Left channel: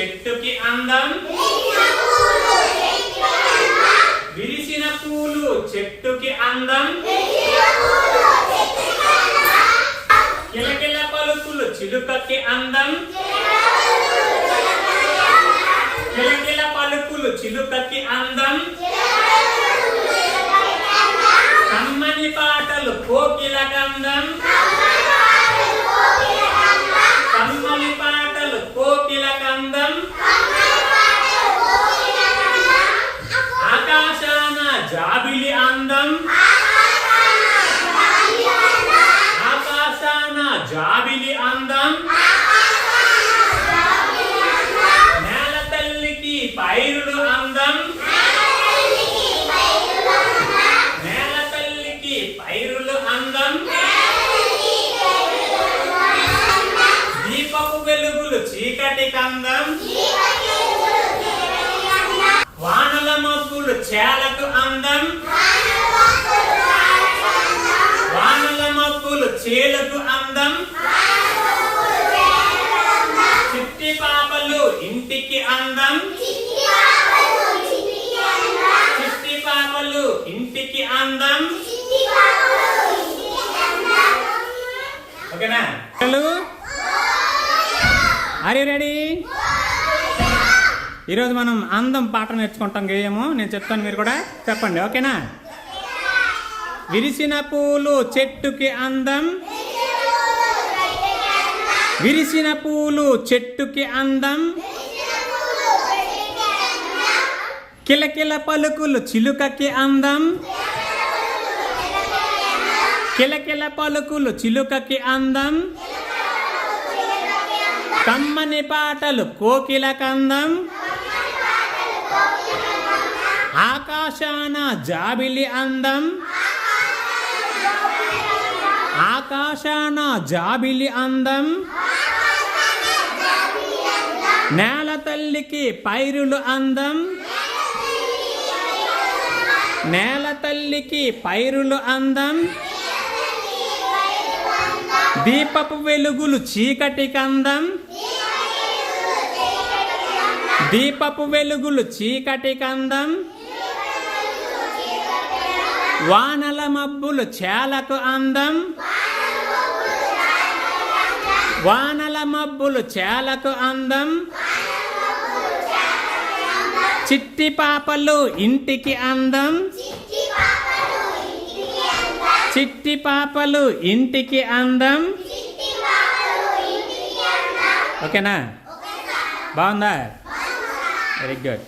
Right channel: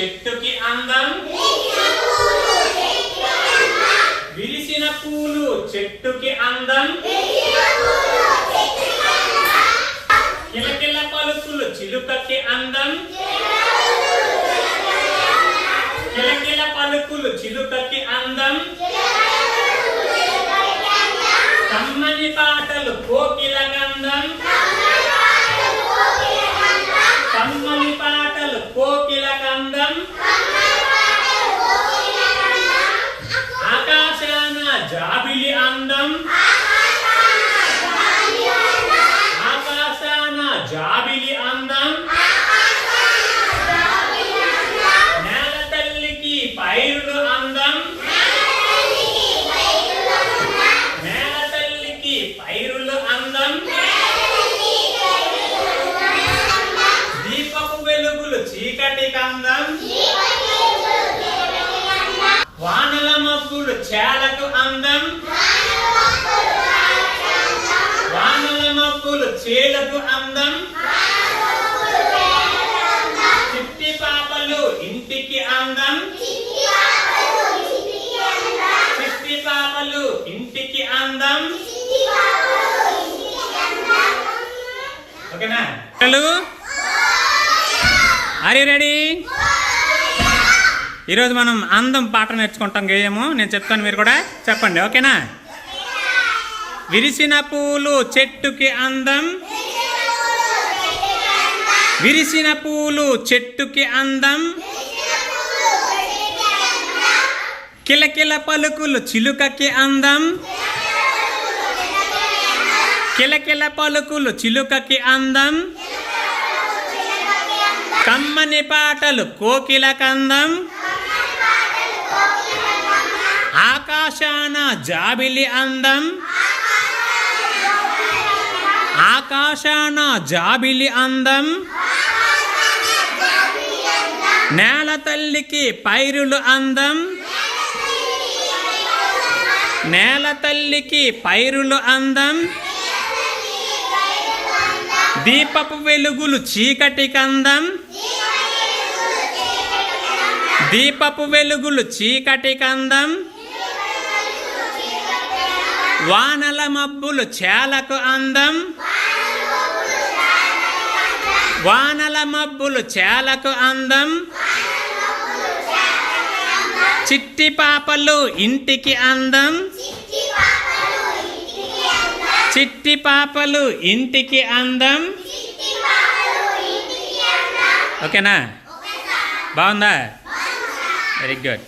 చెట్టుకి అందం. విరిసిన పూలు చెట్టుకి అందం. కిలకిల పలుకులు చిలుకకి అందం. కిలకిల పలుకులు చిలుకకి అందం. కమ్మని పాటలు కోకిల గంధం. జాబిలి అందం ఆకాశాన జాబిలి అందం నేల తల్లికి పైరుడు అందం నేల తల్లికి పైరులు అందం దీపపు వెలుగులు చీకటి కందం వానల మబ్బులు చేలకు అందం. వానల మబ్బులు చేలకు అందం. చిట్టి పాపలు ఇంటికి అందం. చిట్టి పాపలు ఇంటికి అందం. ఓకేనా? హలో? ఆర్ రెడీ ఈరోజు మనం అందం పాట నేర్చుకుంటాం గేయము. నేను చెప్తాను మీరు కూడా చెప్పండి ఓకేనా? విరిసిన పూలు చెట్టుకి అందం. విరిసిన పూలు చెట్టుకి అందం. కిలకిల పలుకులు చిలుకకి అందం. కిలకిల పలుకులు చిలుకకి అందం. కమ్మని పాటలు కోకిల కందం ఆకాశాన జాబిలి అందం. ఆకాశాన జాబిలి అందం. నేల తల్లికి పైరులు అందం. నేల తల్లికి పైరులు అందం. దీపపు వెలుగులు చీకటి కందం దీపపు వెలుగులు చీకటి కందం. వానల మబ్బులు చేలకు అందం. వానల మబ్బులు చేలకు అందం. చిట్టి పాపలు ఇంటికి అందం. చిట్టి పాపలు ఇంటికి అందం. ఓకేనా? బాగుందా? Very good.